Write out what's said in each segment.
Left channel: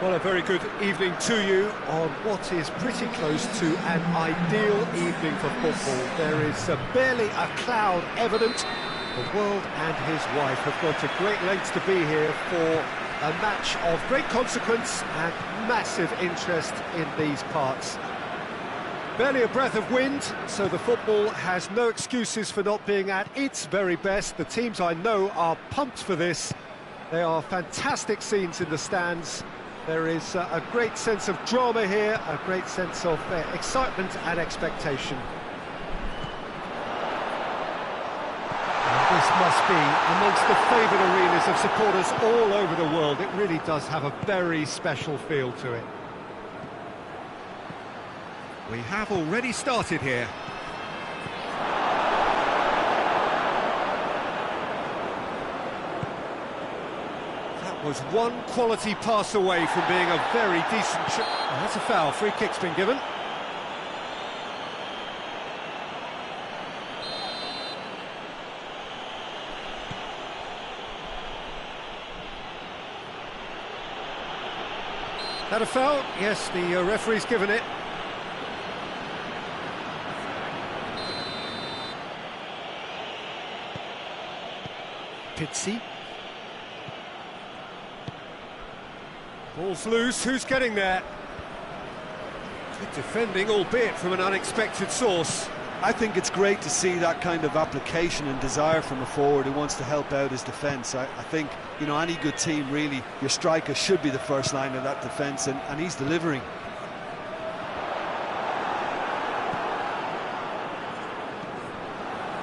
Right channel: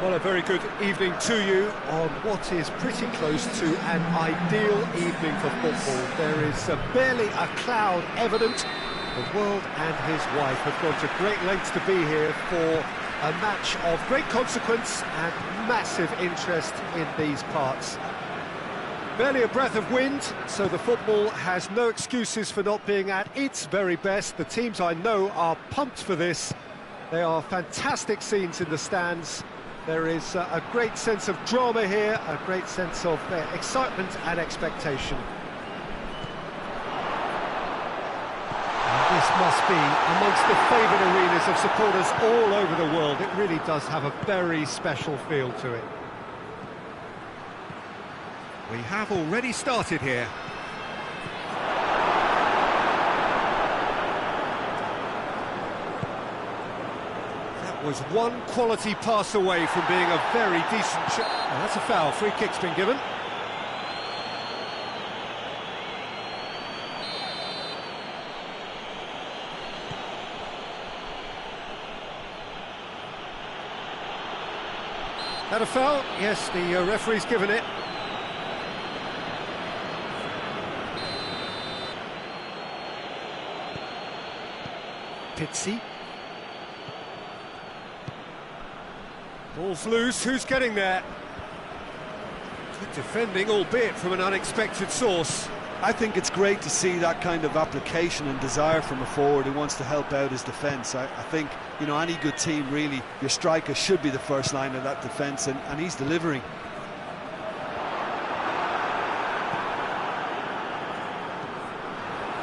Well, a very good evening to you on what is pretty close to an ideal evening for football. There is barely a cloud evident. The world and his wife have gone to great lengths to be here for a match of great consequence and massive interest in these parts. Barely a breath of wind, so the football has no excuses for not being at its very best. The teams I know are pumped for this. They are fantastic scenes in the stands. There is a great sense of drama here, a great sense of excitement and expectation. And this must be amongst the favoured arenas of supporters all over the world. It really does have a very special feel to it. We have already started here. Was one quality pass away from being a very decent shot. Oh, that's a foul. Free kick's been given. That a foul? Yes, the referee's given it. Pizzi. Ball's loose, who's getting there? Good defending, albeit from an unexpected source. I think it's great to see that kind of application and desire from a forward who wants to help out his defence. I think, you know, any good team, really, your striker should be the first line of that defence, and he's delivering.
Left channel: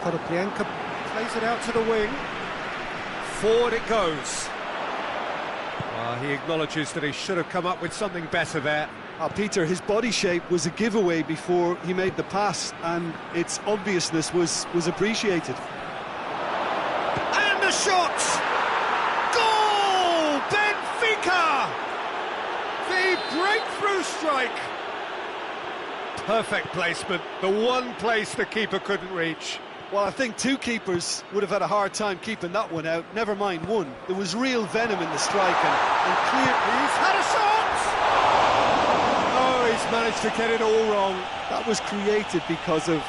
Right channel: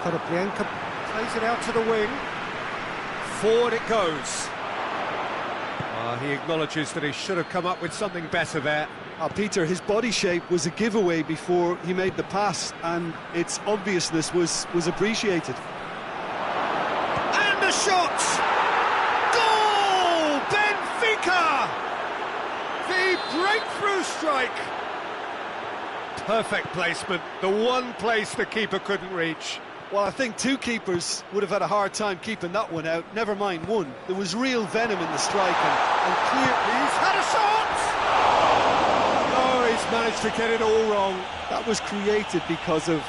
Konoplyanka plays it out to the wing. Forward it goes. He acknowledges that he should have come up with something better there. Peter, his body shape was a giveaway before he made the pass, and its obviousness was appreciated. And a shot! Goal! Benfica! The breakthrough strike! Perfect placement, the one place the keeper couldn't reach. Well, I think two keepers would have had a hard time keeping that one out, never mind one. There was real venom in the strike, and clear... He's had a shot! Oh, he's managed to get it all wrong. That was created because of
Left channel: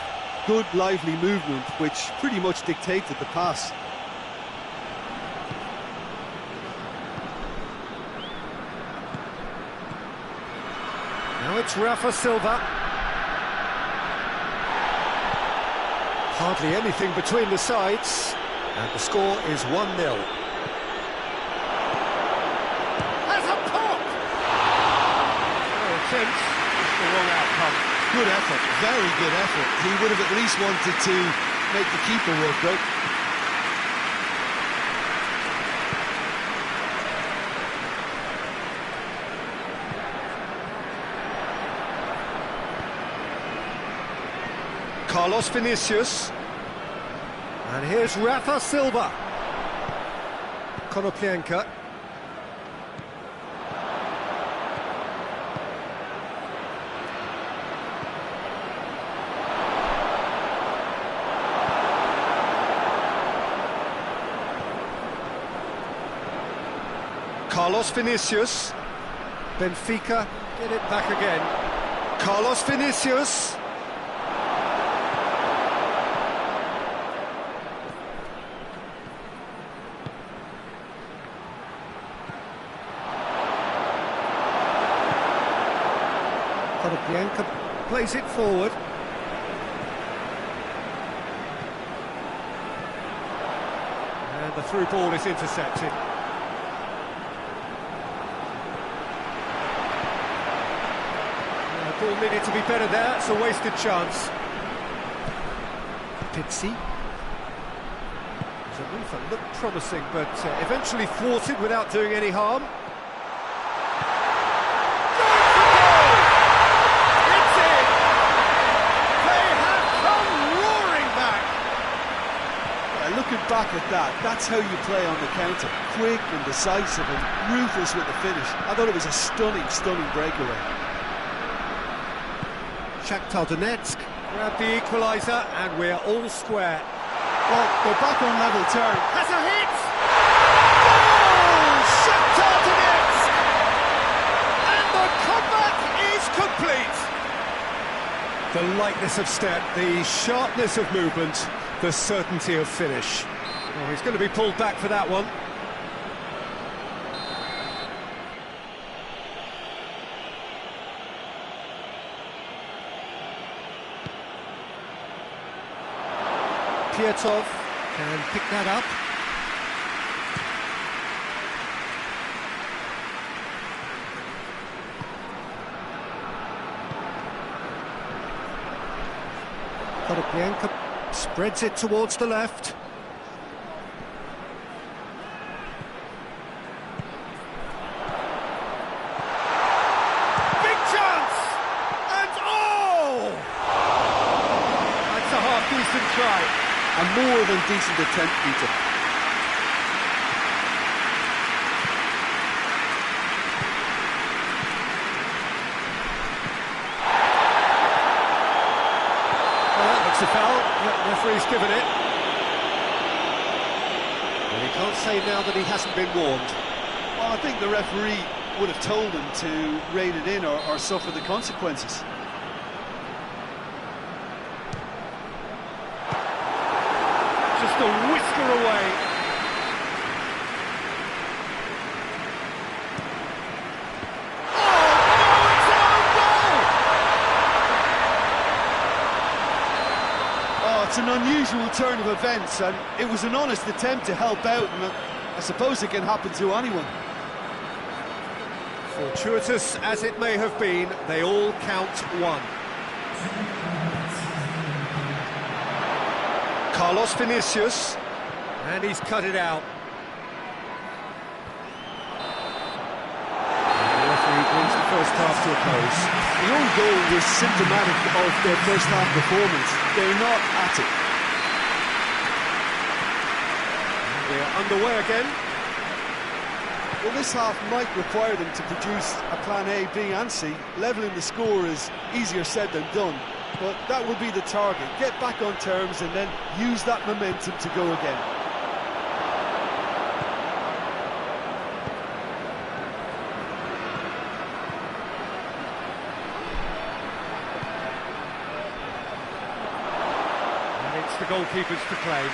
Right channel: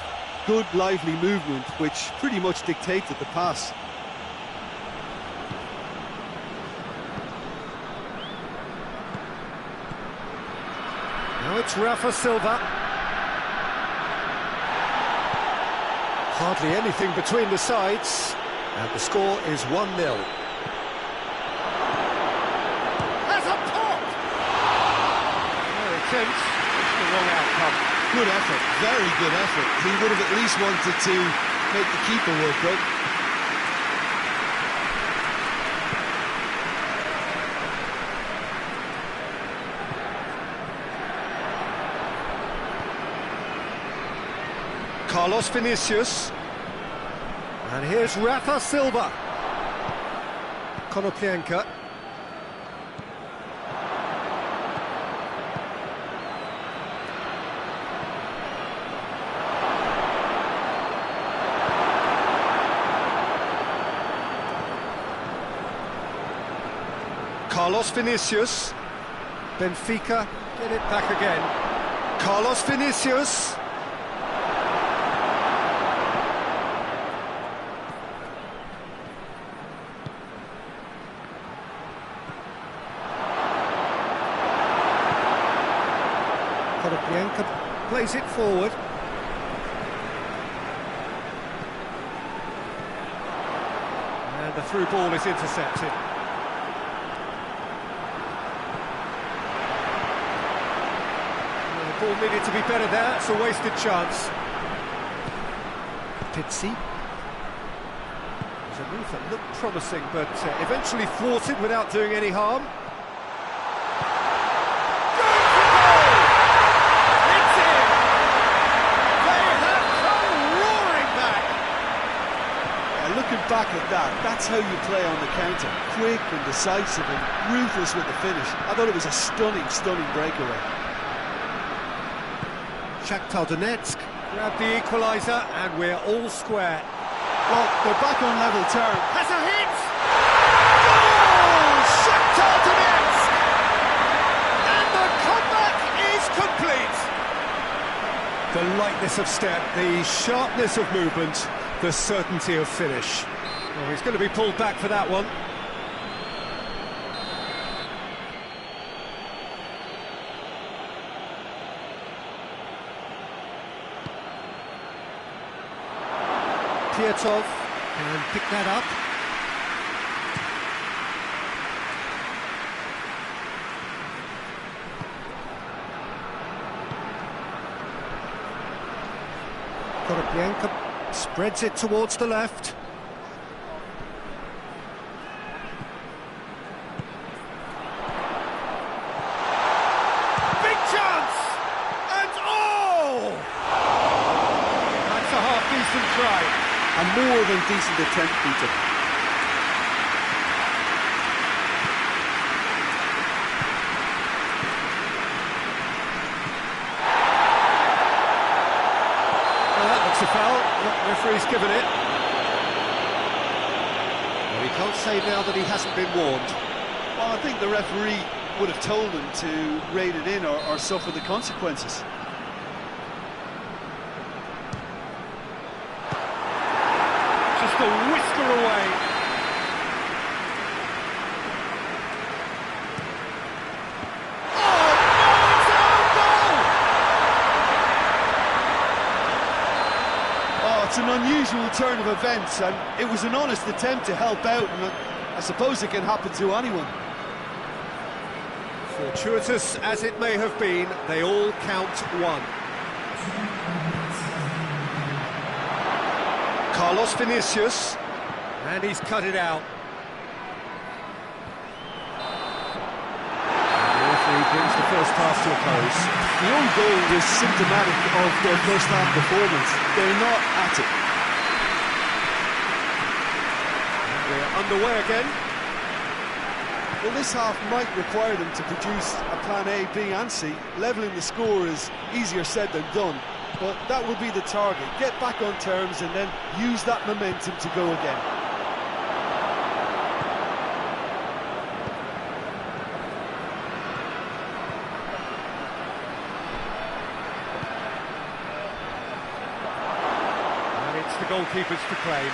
good, lively movement, which pretty much dictated the pass. Now it's Rafa Silva. Hardly anything between the sides, and the score is 1-0. Has a pop! Fair attempt, just the wrong outcome. Good effort, very good effort. He would have at least wanted to make the keeper work, though. Carlos Vinicius, and here's Rafa Silva. Konoplyanka. Carlos Vinicius. Benfica get it back again. Carlos Vinicius. Konoplyanka plays it forward. And the through ball is intercepted. The ball needed to be better there, it's a wasted chance. Pizzi. It was a move that looked promising, but eventually thwarted without doing any harm. Looking back at that, that's how you play on the counter. Quick and decisive and ruthless with the finish. I thought it was a stunning, stunning breakaway. Shakhtar Donetsk grabbed the equaliser and we're all square. Well, they're back on level terms. Has a hit! Goal! Shakhtar Donetsk! The lightness of step, the sharpness of movement, the certainty of finish. Oh, he's going to be pulled back for that one. Pietov can pick that up. Konoplyanka spreads it towards the left. Big chance! And oh! That's a half-decent try. A more than decent attempt, Peter. Well, that looks a foul. The referee's given it. Well, he can't say now that he hasn't been warned. Well, I think the referee would have told him to rate it in or suffer the consequences. Just a whisker away. Oh, no, it's our goal! Oh, it's an unusual turn of events, and it was an honest attempt to help out, and I suppose it can happen to anyone. Fortuitous as it may have been, they all count one. Carlos Vinicius, and he's cut it out. And the referee brings the first half to a close. The own goal was symptomatic of their first half performance. They're not at it. And we're underway again. Well, this half might require them to produce a plan A, B and C. Levelling the score is easier said than done, but that will be the target. Get back on terms and then use that momentum to go again. And it's the goalkeeper's to claim.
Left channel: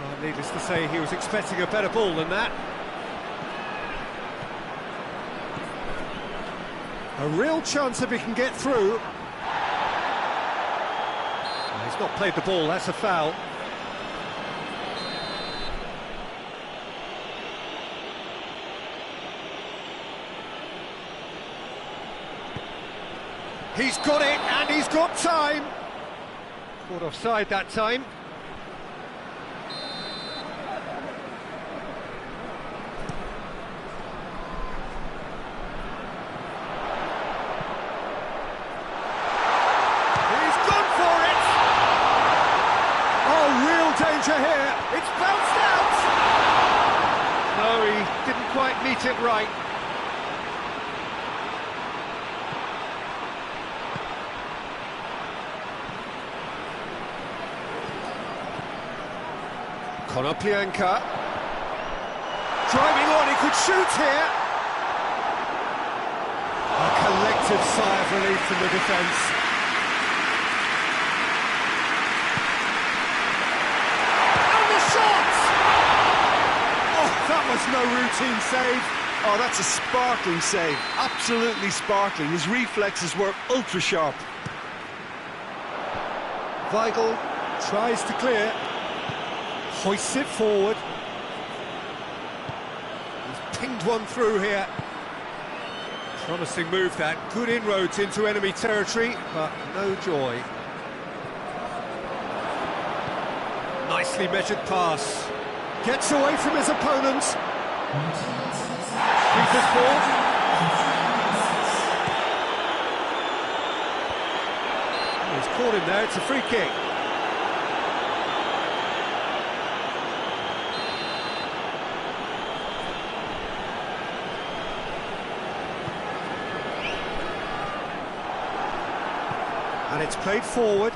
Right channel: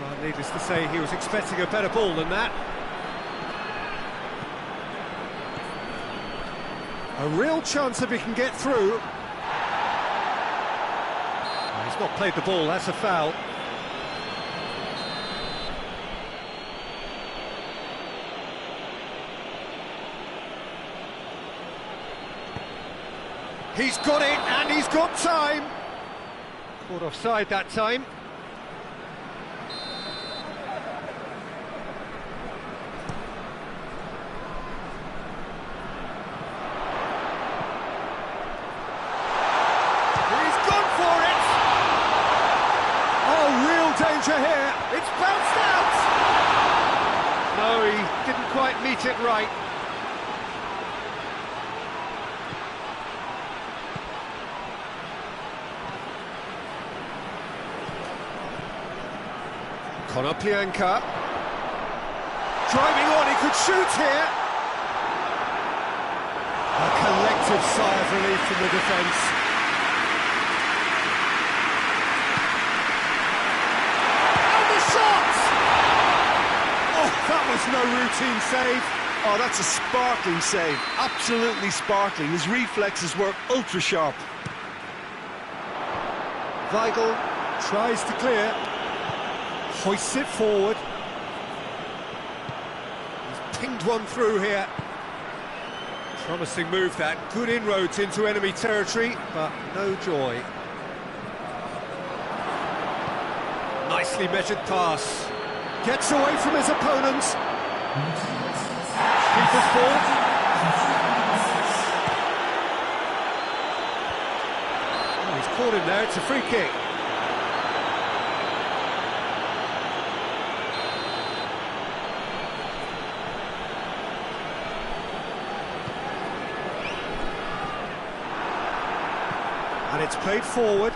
Well, needless to say, he was expecting a better ball than that. A real chance if he can get through. Oh, he's not played the ball, that's a foul. He's got it, and he's got time. Caught offside that time. Danger here, it's bounced out! No, he didn't quite meet it right. Konoplyanka. Driving on, he could shoot here. A collective sigh of relief from the defence. That was no routine save. Oh, that's a sparkling save. Absolutely sparkling. His reflexes were ultra sharp. Weigl tries to clear. Hoists it forward. He's pinged one through here. Promising move that. Good inroads into enemy territory, but no joy. Nicely measured pass. Gets away from his opponents. Keeper's ball. Oh, he's caught him there, it's a free kick. And it's played forward.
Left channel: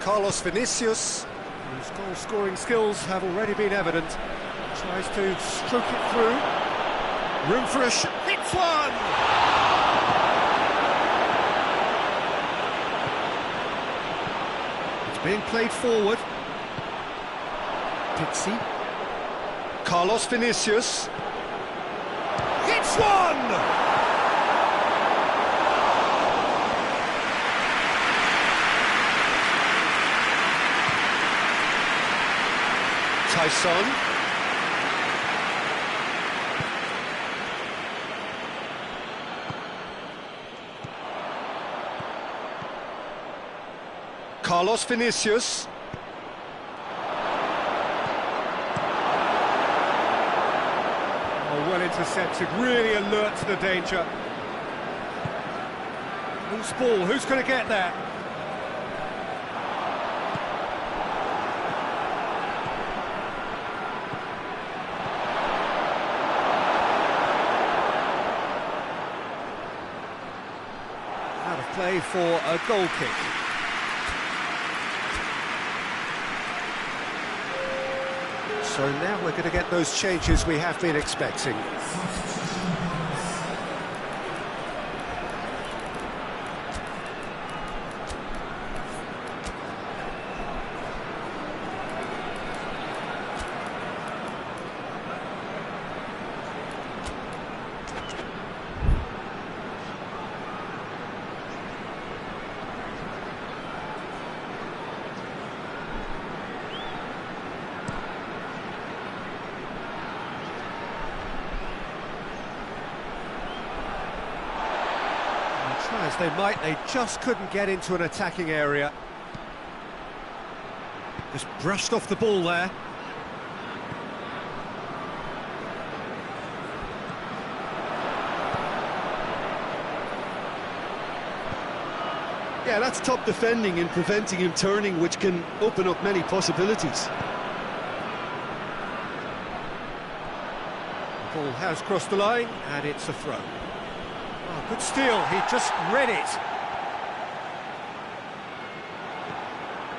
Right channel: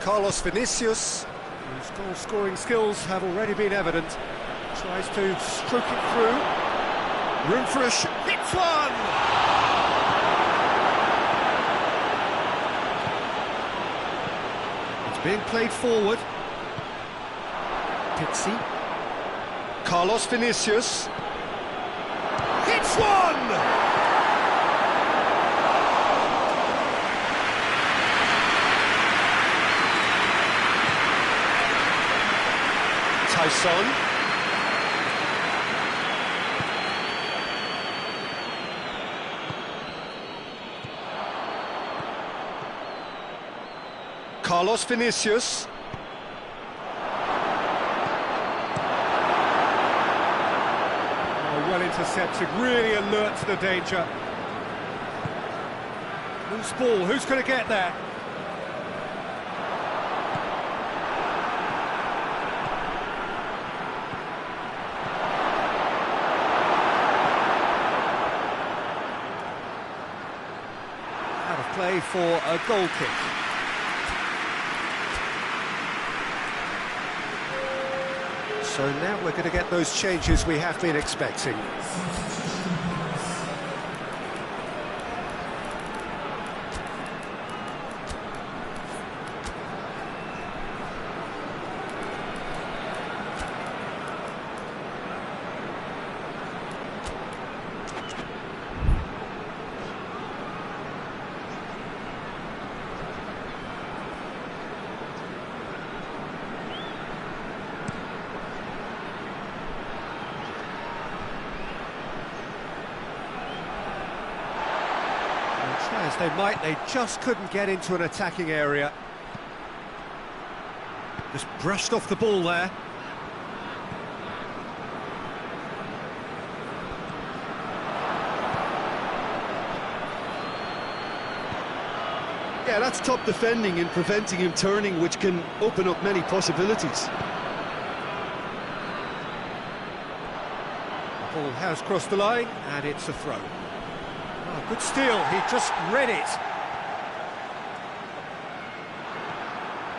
Carlos Vinicius, whose goal-scoring skills have already been evident, tries to stroke it through. Room for a shot. Hits one! It's being played forward. Pizzi. Carlos Vinicius. Hits one! Tyson. Carlos Vinicius. Oh, well intercepted, really alert to the danger. Loose ball, who's going to get there? Out of play for a goal kick. So now we're going to get those changes we have been expecting. Try as they might, they just couldn't get into an attacking area. Just brushed off the ball there. Yeah, that's top defending and preventing him turning, which can open up many possibilities. The ball has crossed the line, and it's a throw. Oh, good steal, he just read it.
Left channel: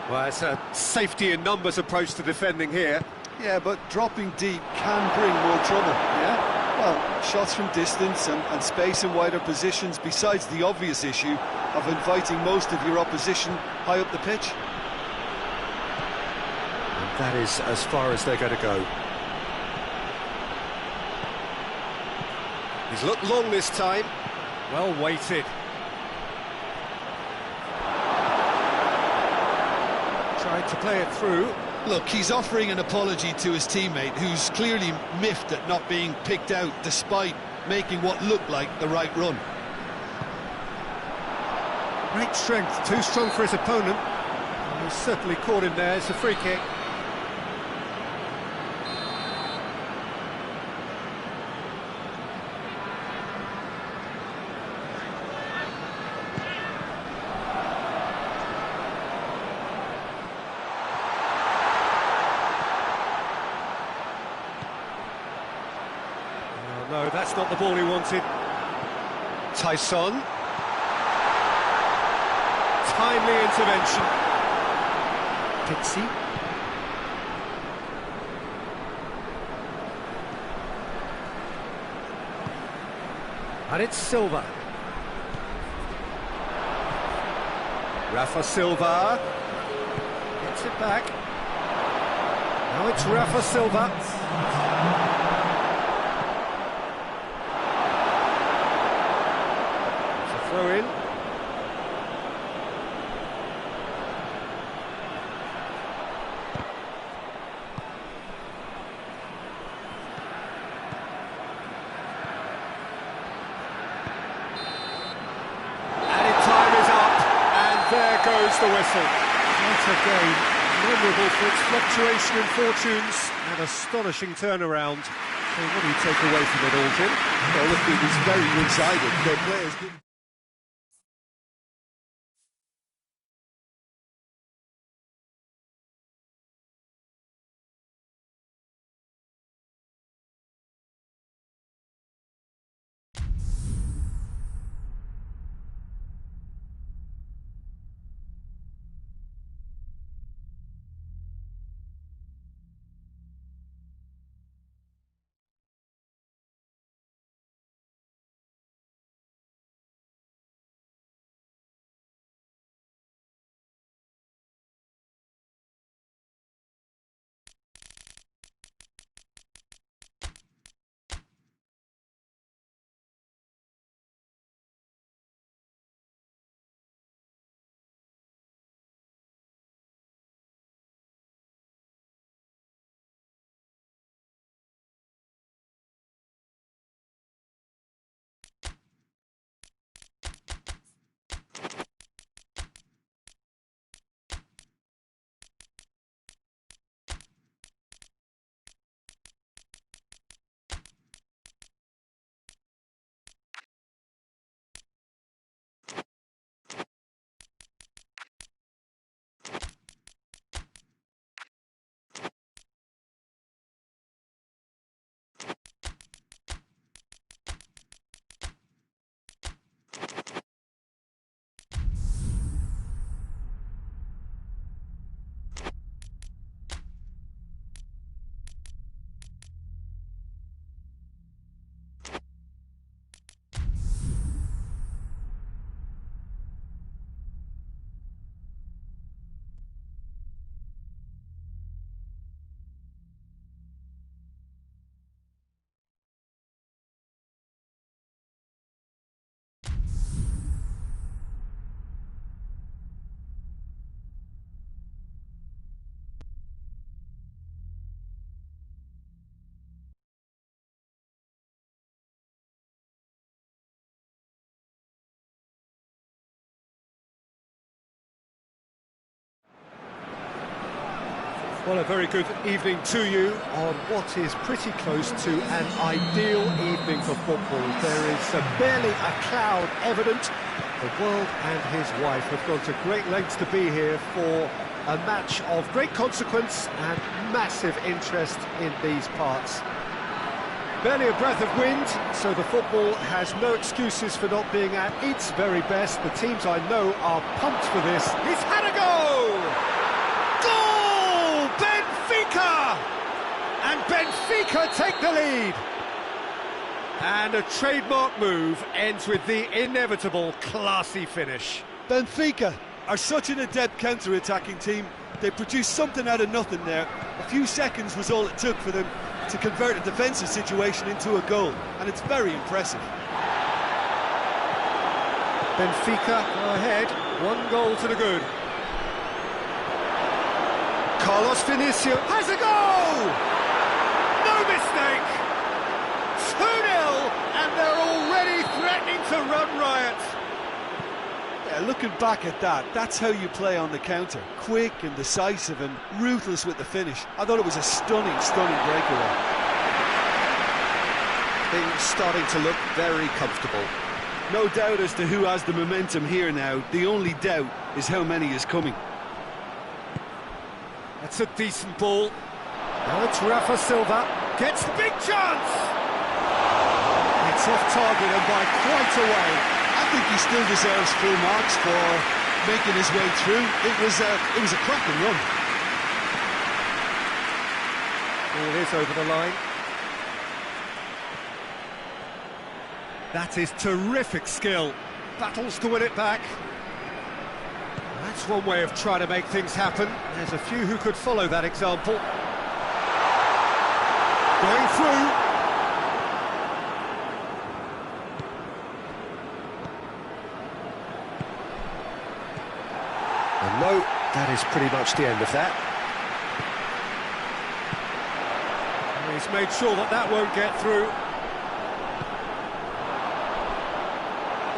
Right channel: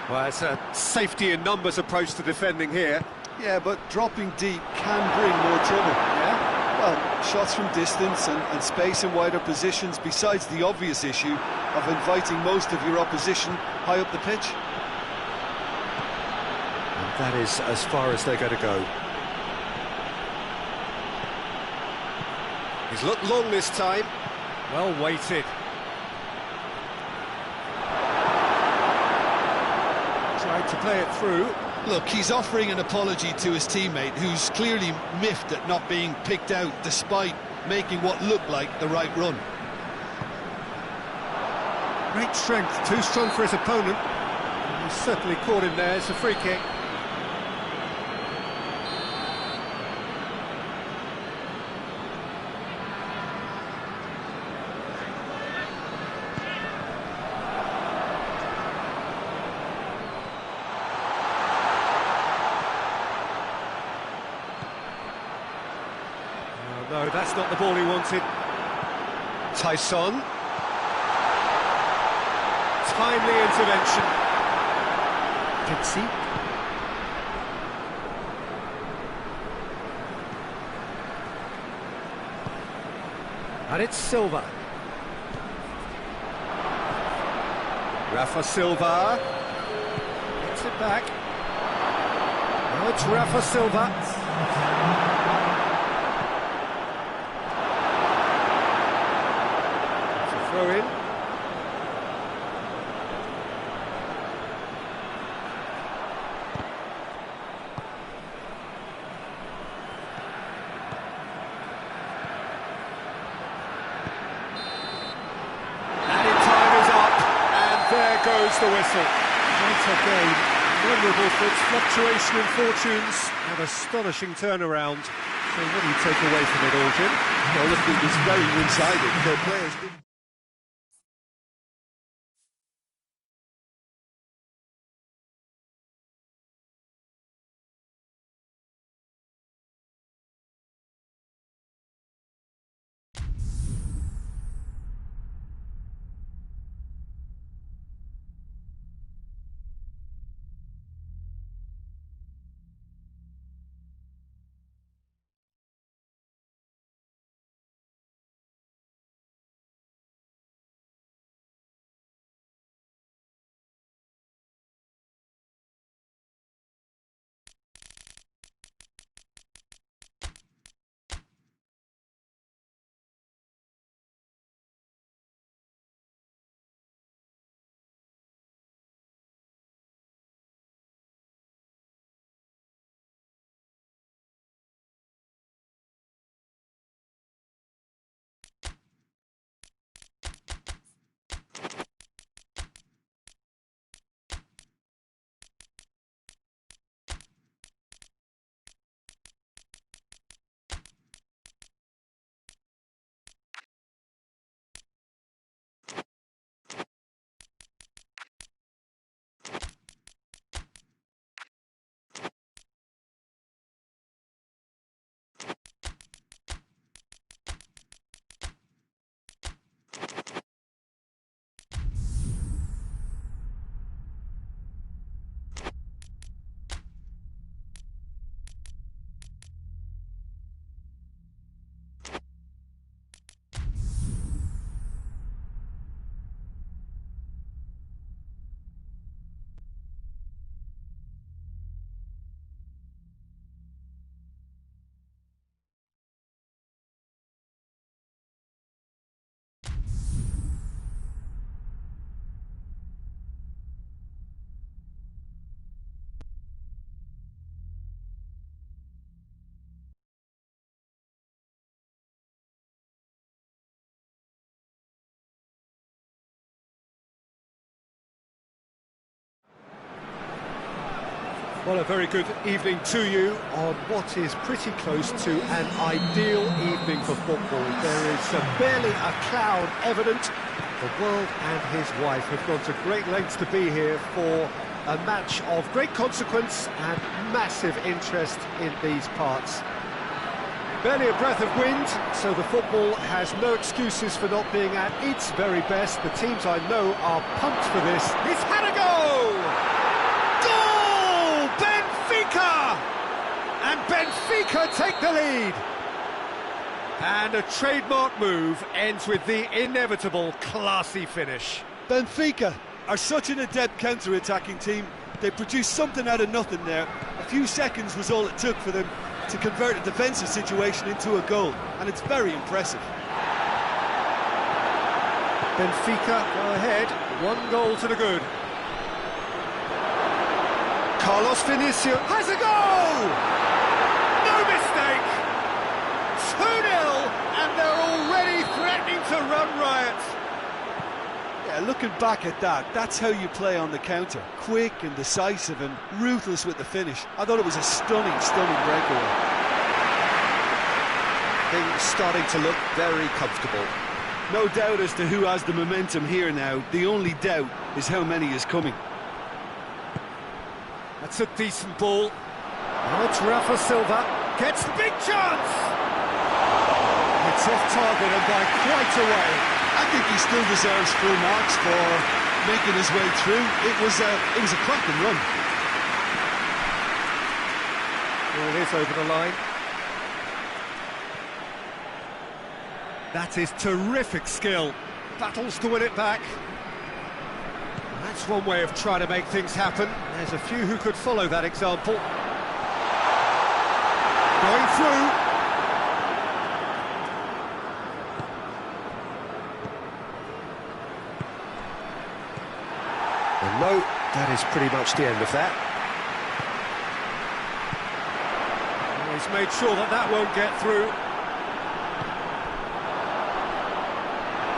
Well, it's a safety in numbers approach to defending here. Yeah, but dropping deep can bring more trouble. Yeah? Well, shots from distance and space in wider positions, besides the obvious issue of inviting most of your opposition high up the pitch. And that is as far as they're going to go. He's looked long this time. Well weighted. Tried to play it through. Look, he's offering an apology to his teammate, who's clearly miffed at not being picked out despite making what looked like the right run. Great strength, too strong for his opponent. And he's certainly caught him there. It's a free kick. No, that's not the ball he wanted. Tyson. Timely intervention. Pizzi. And it's Silva. Rafa Silva. Gets it back. Now it's Rafa Silva. Throw in. Added time is up, and there goes the whistle. What a game, memorable for its fluctuation in fortunes and astonishing turnaround. So what do you take away from it all, Jim? Well, look, it was very one-sided. Their players didn't Well, a very good evening to you on what is pretty close to an ideal evening for football. There is barely a cloud evident. The world and his wife have gone to great lengths to be here for a match of great consequence and massive interest in these parts. Barely a breath of wind, so the football has no excuses for not being at its very best. The teams I know are pumped for this. He's had a go! Goal! Benfica! And Benfica take the lead. And a trademark move ends with the inevitable classy finish. Benfica are such an adept counter-attacking team. They produced something out of nothing there. A few seconds was all it took for them to convert a defensive situation into a goal, and it's very impressive. Benfica go ahead, 1 goal to the good. Carlos Vinicius has a goal! No mistake! 2-0, and they're already threatening to run riot. Yeah, looking back at that, that's how you play on the counter. Quick and decisive and ruthless with the finish. I thought it was a stunning breakaway. Things starting to look very comfortable. No doubt as to who has the momentum here now. The only doubt is how many is coming. That's a decent ball. Now it's Rafa Silva. Gets the big chance! It's off target and by quite a way. I think he still deserves full marks for making his way through. It was a cracking run. Ball is over the line. That is terrific skill. Battles to win it back. That's one way of trying to make things happen. There's a few who could follow that example. Going through. And no, that is pretty much the end of that. And he's made sure that that won't get through.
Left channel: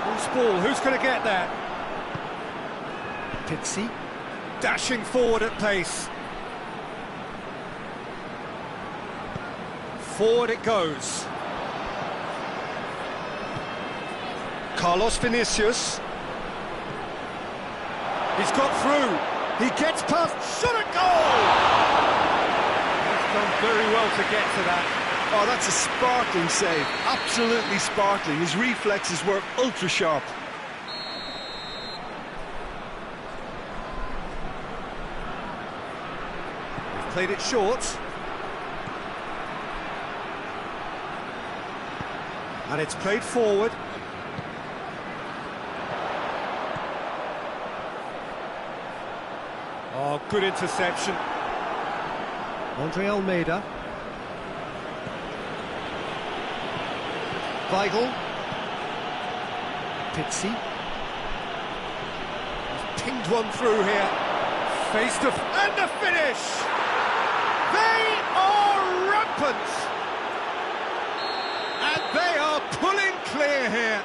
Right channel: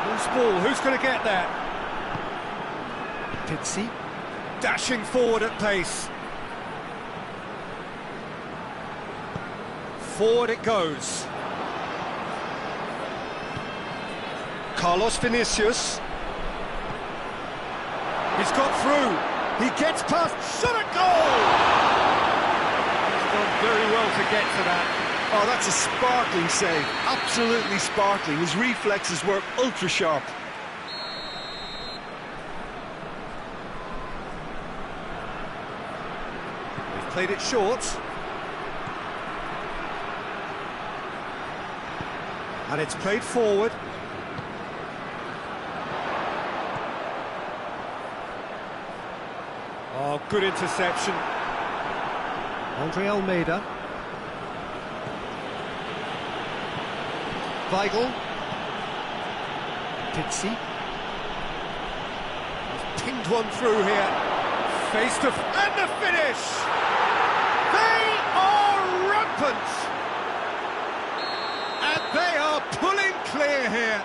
Loose ball, who's going to get that? Pizzi, dashing forward at pace. Forward it goes. Carlos Vinicius. He's got through. He gets past. Shot at goal! He's done very well to get to that. Oh, that's a sparkling save. Absolutely sparkling. His reflexes were ultra sharp. They've played it short. And it's played forward. Oh, good interception. Andre Almeida. Weigl. Pizzi. He's pinged one through here. Face to... and the finish! They are rampant! And they are pulling clear here.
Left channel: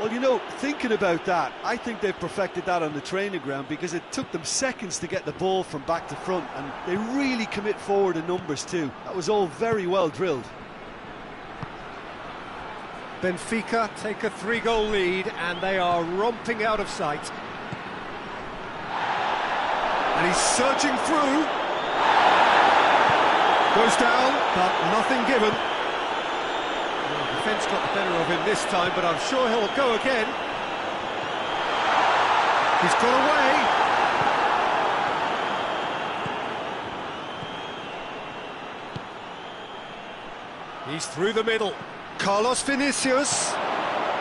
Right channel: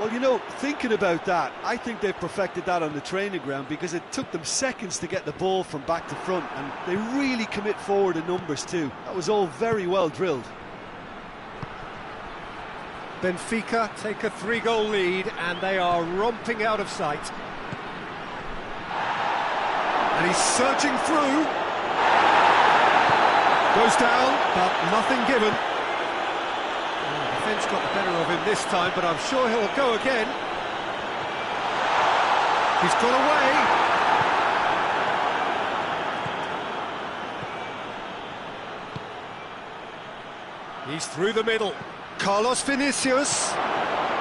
Well, you know, thinking about that, I think they've perfected that on the training ground because it took them seconds to get the ball from back to front, and they really commit forward in numbers too. That was all very well drilled. Benfica take a 3-goal lead and they are romping out of sight. And he's surging through. Goes down, but nothing given. Well, the defence got the better of him this time, but I'm sure he'll go again. He's got away. He's through the middle. Carlos Vinicius.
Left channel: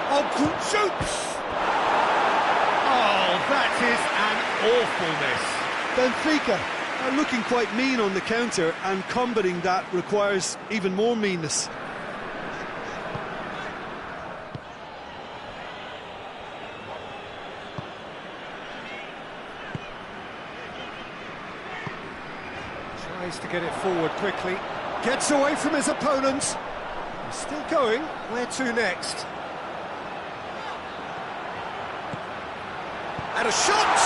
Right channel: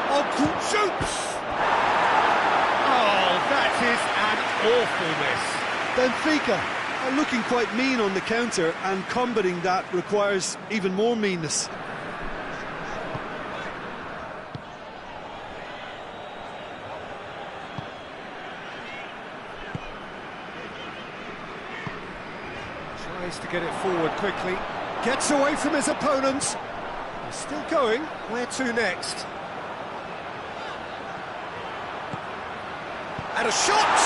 Oh, shoots! Oh, that is an awful miss. Benfica are looking quite mean on the counter, and combating that requires even more meanness. Tries to get it forward quickly. Gets away from his opponent. He's still going. Where to next? And a shot!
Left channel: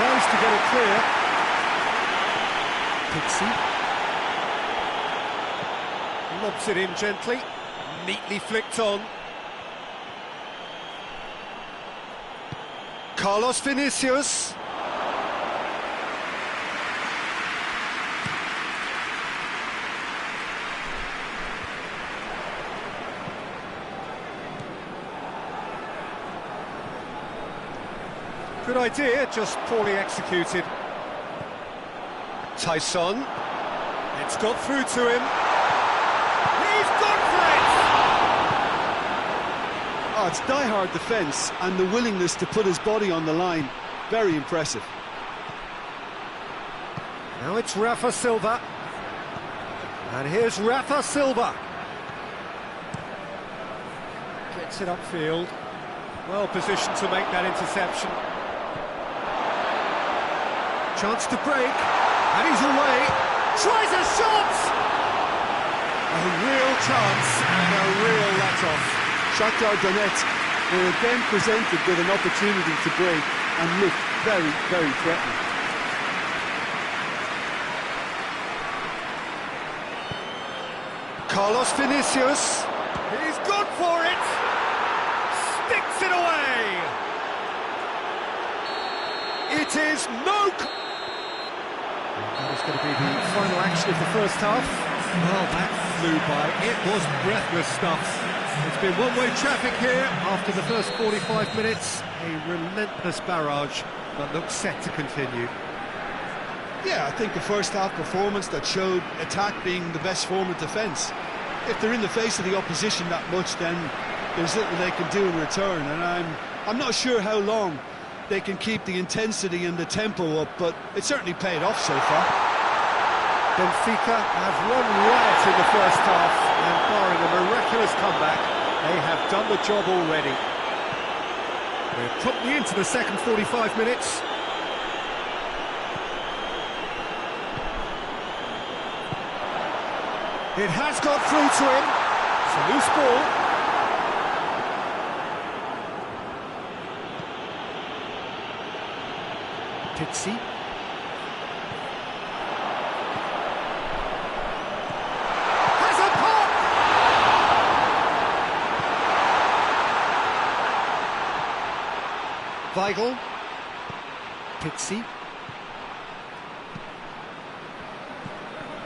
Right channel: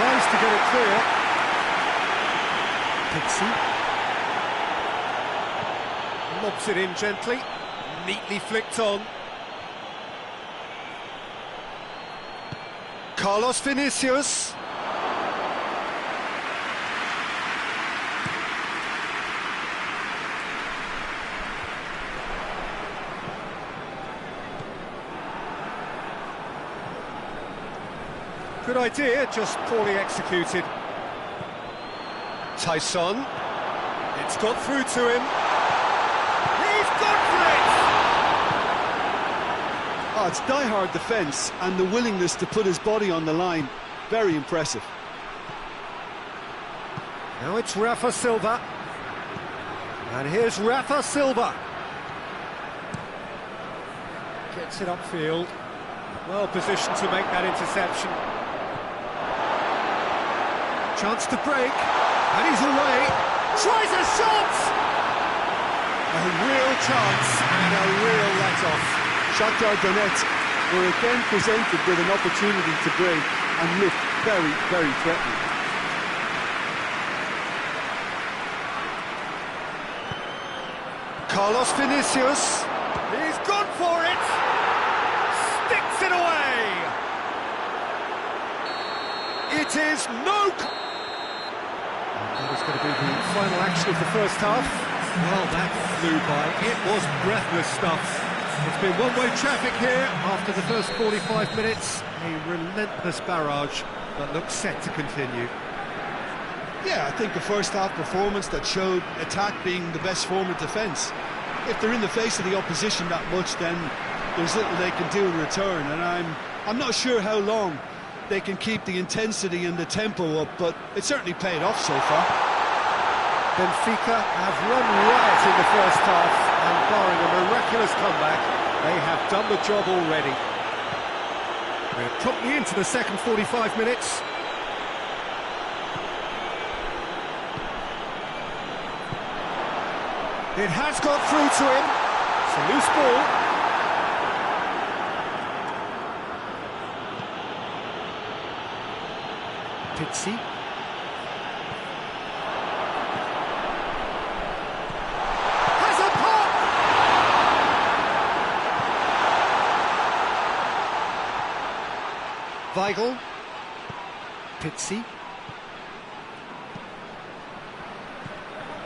tries to get it clear. Pixie. Lobs it in gently, neatly flicked on. Carlos Vinicius. Good idea, just poorly executed. Tyson. It's got through to him. He's gone for it! Oh, it's die-hard defence and the willingness to put his body on the line. Very impressive. Now it's Rafa Silva. And here's Rafa Silva. Gets it upfield. Well positioned to make that interception. Chance to break, and he's away. Tries a shot! A real chance and a real let-off. Shakhtar Donetsk were again presented with an opportunity to break and looked very, very threatening. Carlos Vinicius. He's gone for it! Sticks it away! It is no... That is going to be the final action of the first half. Well, that flew by. It was breathless stuff. It's been one-way traffic here after the first 45 minutes. A relentless barrage that looks set to continue. Yeah, I think a first-half performance that showed attack being the best form of defence. If they're in the face of the opposition that much, then there's little they can do in return, and I'm not sure how long they can keep the intensity and the tempo up, but it certainly paid off so far. Benfica have run riot in the first half, and barring a miraculous comeback, they have done the job already. We're promptly into the second 45 minutes. It has got through to him. It's a loose ball. Pixie. Has a pop! Weigl. Pixie.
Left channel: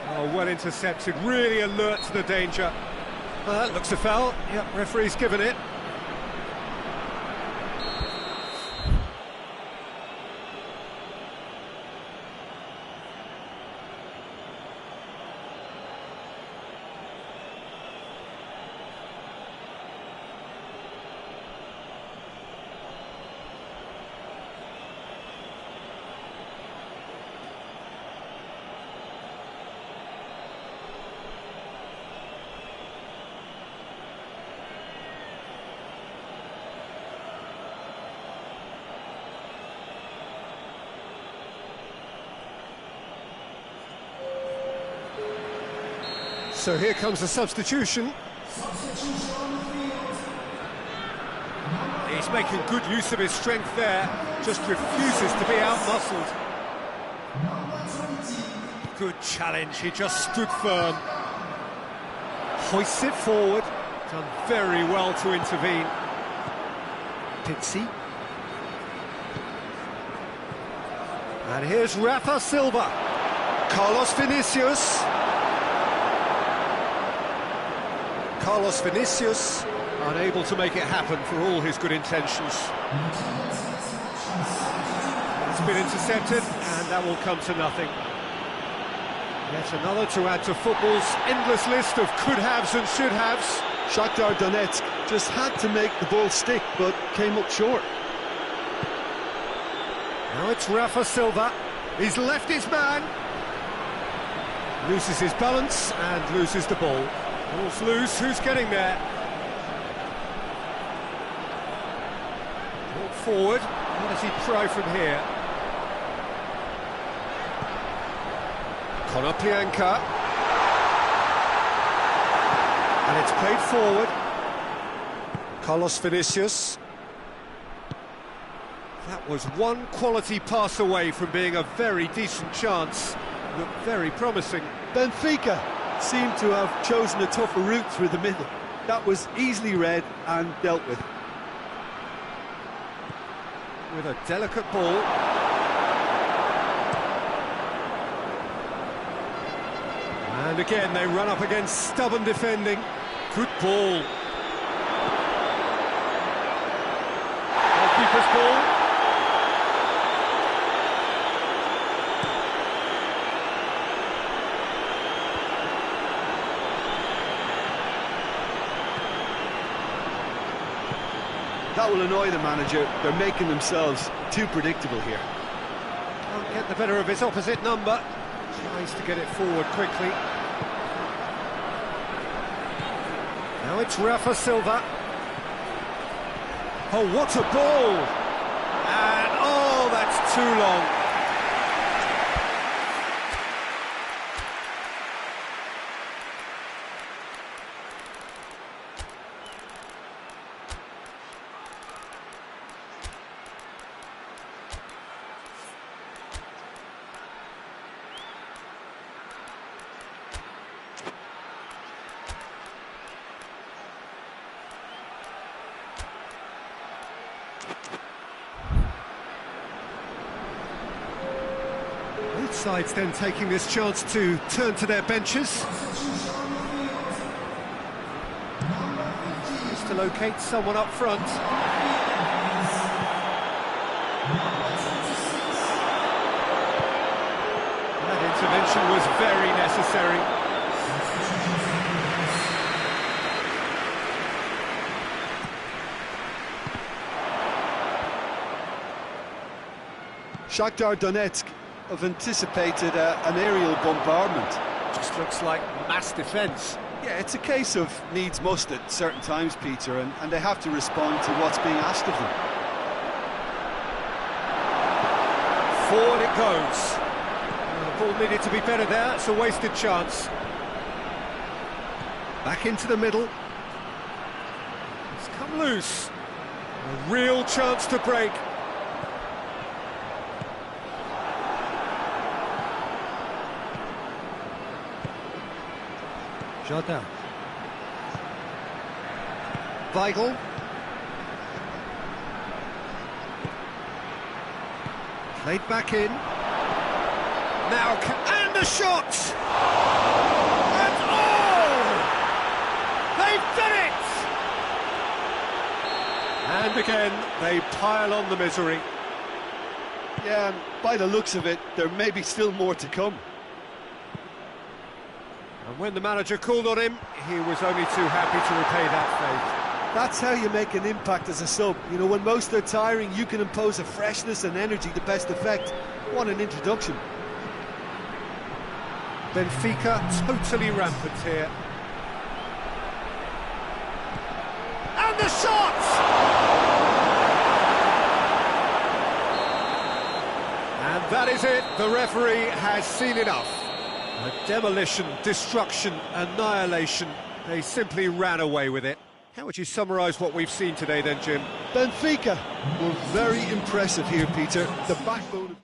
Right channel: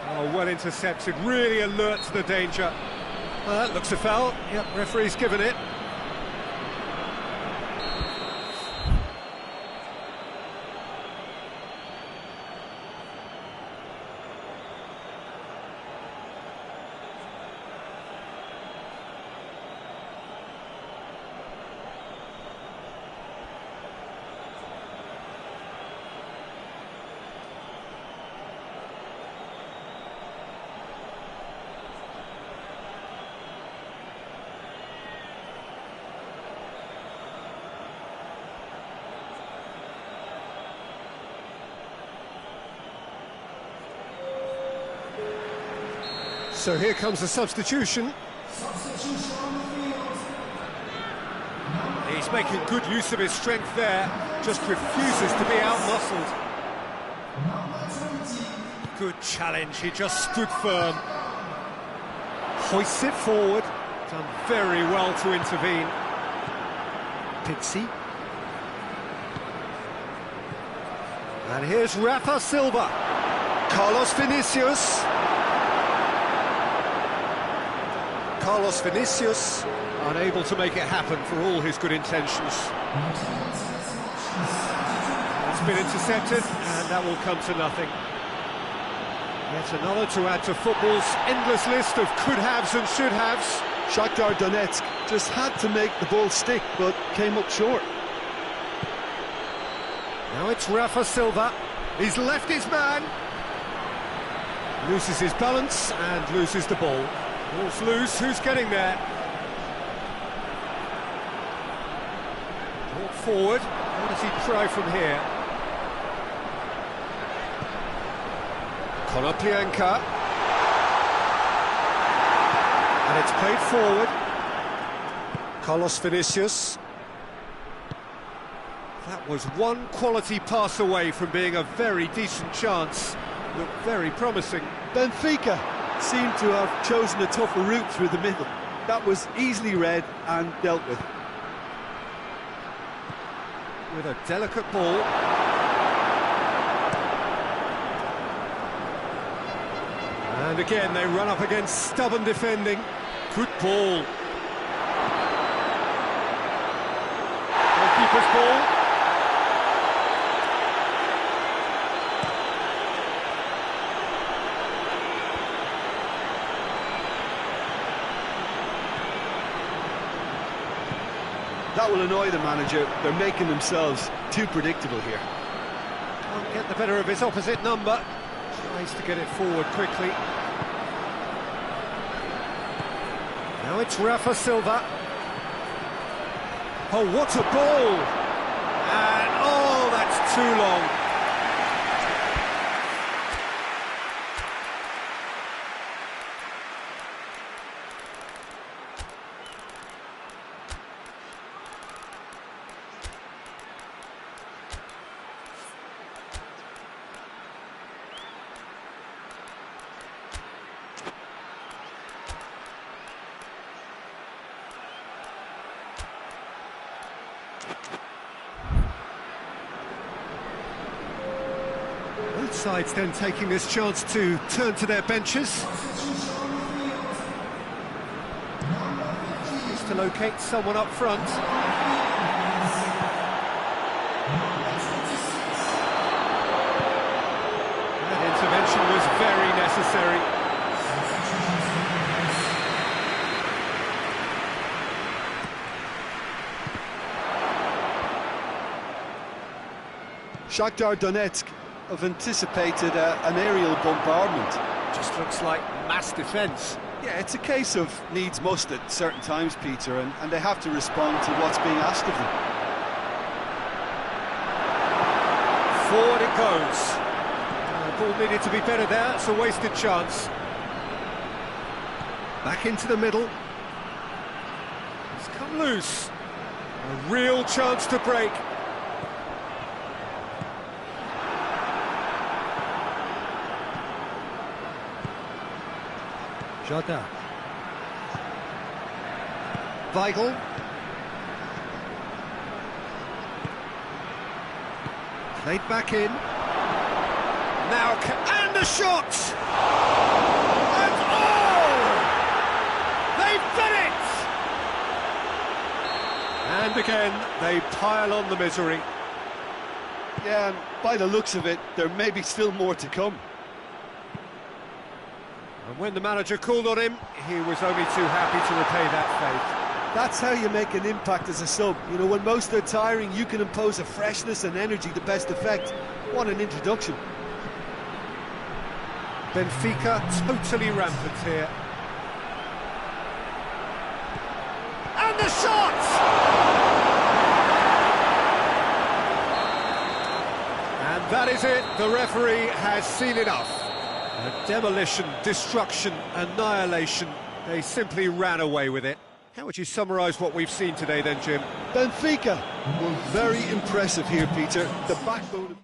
Oh, well intercepted, really alert to the danger. That looks a foul. Yep, referee's given it. So here comes a substitution. He's making good use of his strength there, just refuses to be out-muscled. Good challenge, he just stood firm. Hoists it forward, done very well to intervene. Pixie. And here's Rafa Silva. Carlos Vinicius. Carlos Vinicius, unable to make it happen for all his good intentions. That's been intercepted, and that will come to nothing. Yet another to add to football's endless list of could-haves and should-haves. Shakhtar Donetsk just had to make the ball stick, but came up short. Now it's Rafa Silva. He's left his man. Loses his balance and loses the ball. Ball's loose, who's getting there? Brought forward, what does he try from here? Konoplyanka. And it's played forward. Carlos Vinicius. That was one quality pass away from being a very decent chance. Looked very promising. Benfica seemed to have chosen a tougher route through the middle. That was easily read and dealt with. With a delicate ball. And again, they run up against stubborn defending. Good ball. Goalkeeper's ball. That will annoy the manager. They're making themselves too predictable here. Can't get the better of his opposite number. Tries to get it forward quickly. Now it's Rafa Silva. Oh, what a ball! And, oh, that's too long. Both sides then taking this chance to turn to their benches. Needs to locate someone up front. That intervention was very necessary. Shakhtar Donetsk have anticipated an aerial bombardment. Just looks like mass defence. Yeah, it's a case of needs must at certain times, Peter, and they have to respond to what's being asked of them. Forward it goes. The ball needed to be better there, it's a wasted chance. Back into the middle. It's come loose. A real chance to break. Jardin. Weigl. Played back in. Now, and the shot! And oh! They've done it! And again, they pile on the misery. Yeah, and by the looks of it, there may be still more to come. And when the manager called on him, he was only too happy to repay that faith. That's how you make an impact as a sub. You know, when most are tiring, you can impose a freshness and energy to best effect. What an introduction. Benfica totally rampant here. And the shot! And that is it. The referee has seen enough. A demolition, destruction, annihilation. They simply ran away with it. How would you summarise what we've seen today then, Jim? Benfica were very impressive here, Peter. The backbone of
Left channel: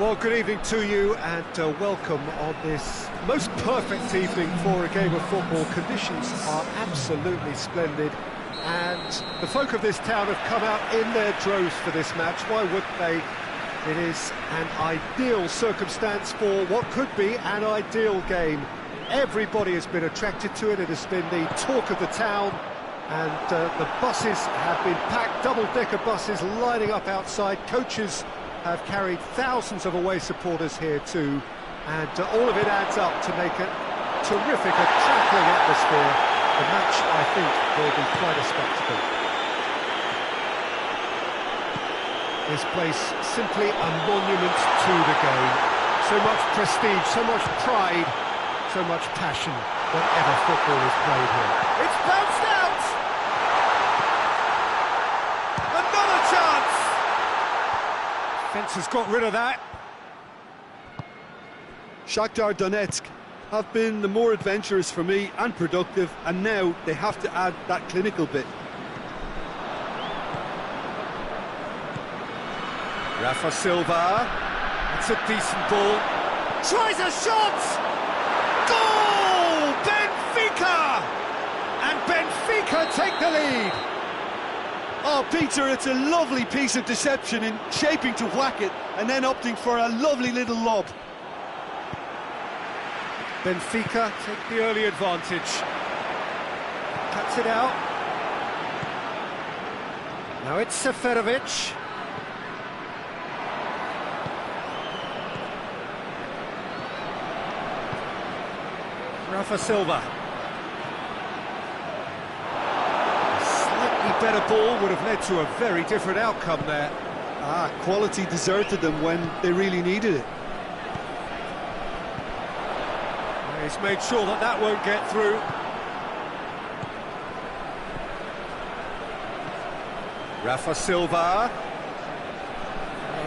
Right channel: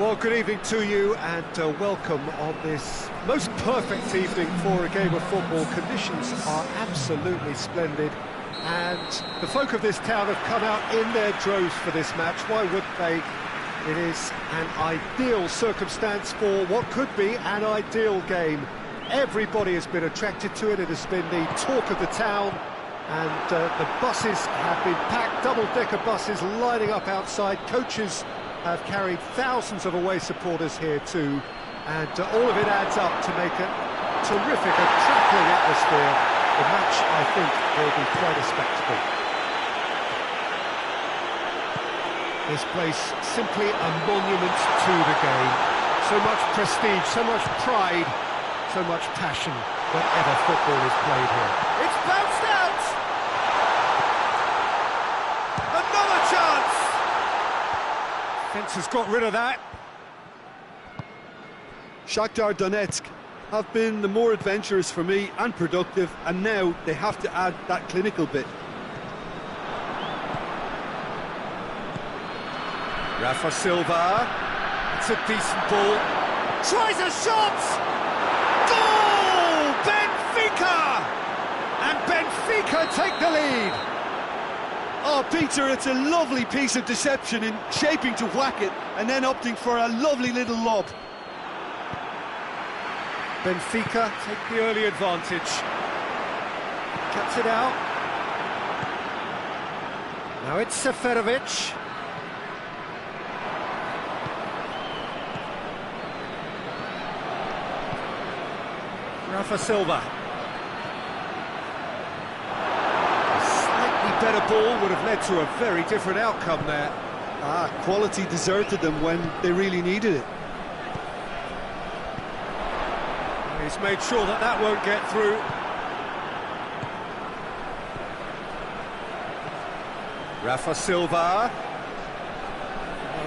Well, good evening to you and welcome on this most perfect evening for a game of football. Conditions are absolutely splendid and the folk of this town have come out in their droves for this match. Why wouldn't they? It is an ideal circumstance for what could be an ideal game. Everybody has been attracted to it. It has been the talk of the town and the buses have been packed, double-decker buses lining up outside. Coaches have carried thousands of away supporters here too, and all of it adds up to make a terrific, attracting atmosphere. The match, I think, will be quite a spectacle. This place simply a monument to the game. So much prestige, so much pride, so much passion whenever football is played here. It's bounced out! Another chance! Fence has got rid of that. Shakhtar Donetsk have been the more adventurous for me and productive, and now they have to add that clinical bit. Rafa Silva, it's a decent ball. Tries a shot! Goal! Benfica! And Benfica take the lead. Oh, Peter, it's a lovely piece of deception in shaping to whack it and then opting for a lovely little lob. Benfica take the early advantage. Cuts it out. Now it's Seferovic. Rafa Silva. A better ball would have led to a very different outcome there. Quality deserted them when they really needed it. He's made sure that that won't get through. Rafa Silva.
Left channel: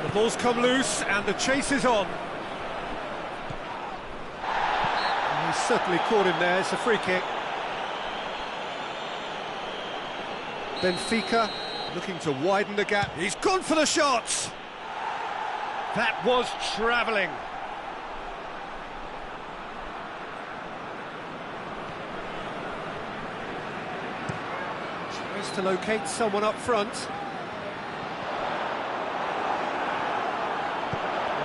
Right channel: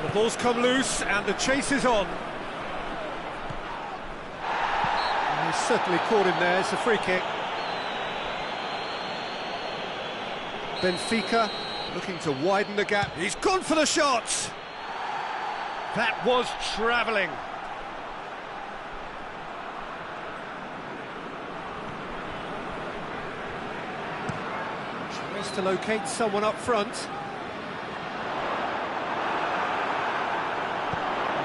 The ball's come loose and the chase is on. He's certainly caught him there. It's a free kick. Benfica looking to widen the gap. He's gone for the shots. That was travelling. Tries to locate someone up front.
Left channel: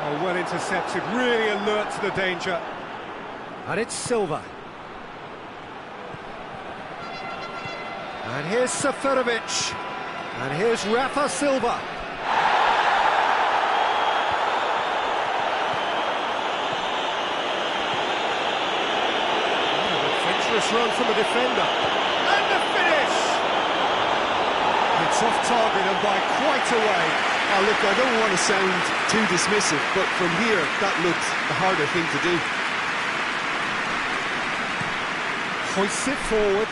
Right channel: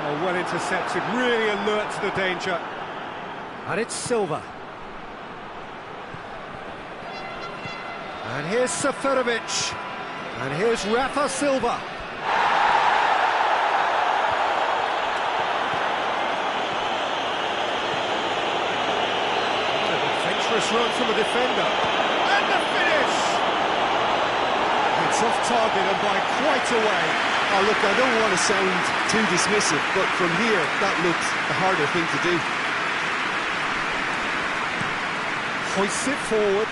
Oh, well intercepted, really alert to the danger. And it's Silva. And here's Seferovic. And here's Rafa Silva. What an adventurous run from a defender. And the finish! It's off target and by quite a way. Oh, look, I don't want to sound too dismissive, but from here, that looks the harder thing to do. Hoists it forward.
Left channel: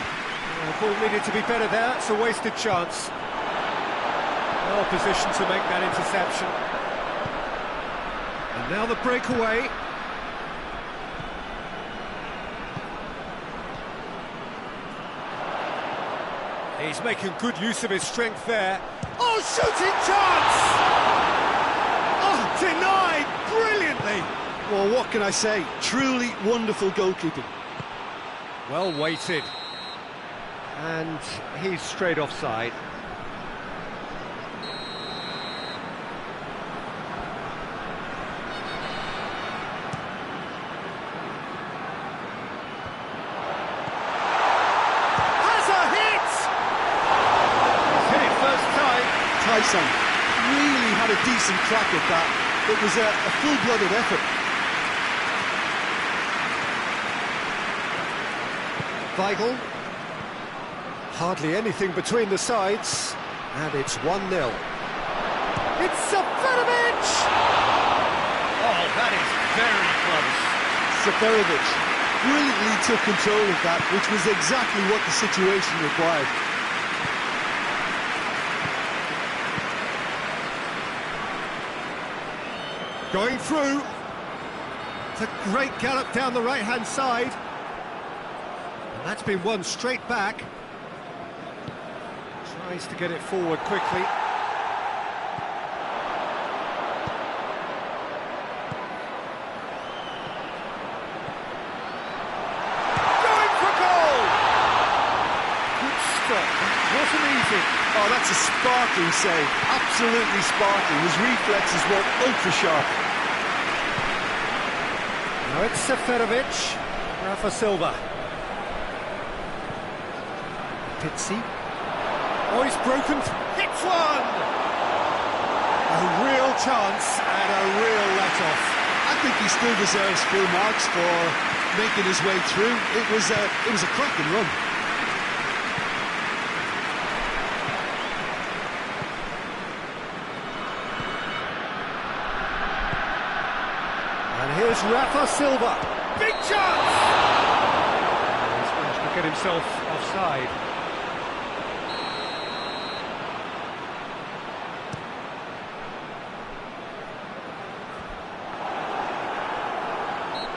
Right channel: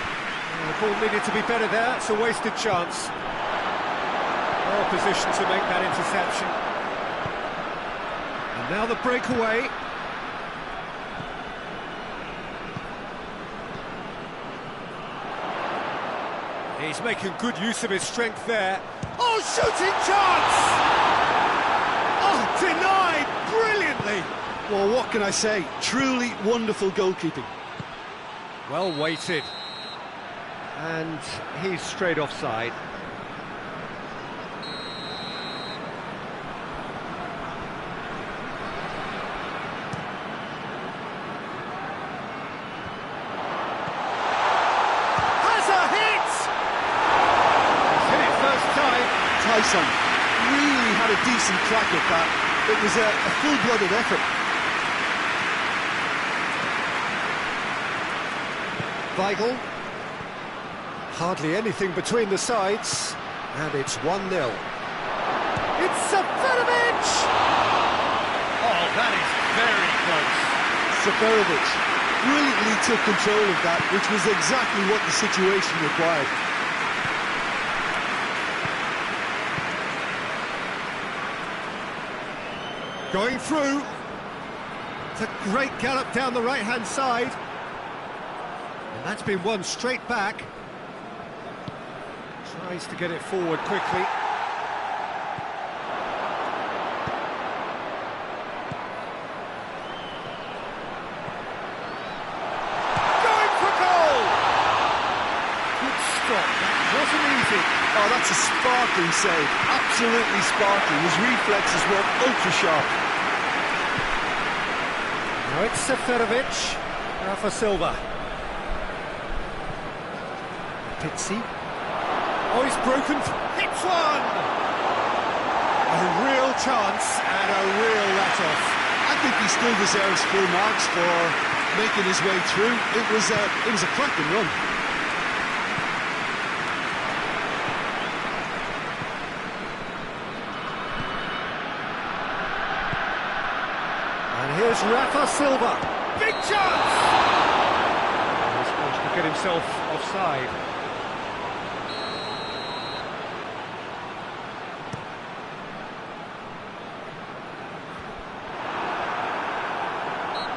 The ball needed to be better there, it's a wasted chance. Well positioned to make that interception. And now the breakaway. He's making good use of his strength there. Oh, shooting chance! Oh, denied brilliantly! Well, what can I say? Truly wonderful goalkeeping. Well weighted. And he's straight offside. Has a hit! He's hit it first time. Tyson really had a decent crack at that. It was a full-blooded effort. Weigl. Hardly anything between the sides, and it's 1-0. It's Seferovic! Oh, that is very close. Seferovic brilliantly took control of that, which was exactly what the situation required. Going through. It's a great gallop down the right-hand side. And that's been won straight back. Tries to get it forward quickly. stop. That wasn't easy. Oh, that's a sparkling save. Absolutely sparkling. His reflexes were ultra-sharp. Now it's Seferovic. Rafa Silva. Pizzi. Oh, he's broken. Hits one! A real chance and a real let-off. I think he still deserves full marks for making his way through. It was a cracking run. And here's Rafa Silva. Big chance! Oh, he's managed to get himself offside.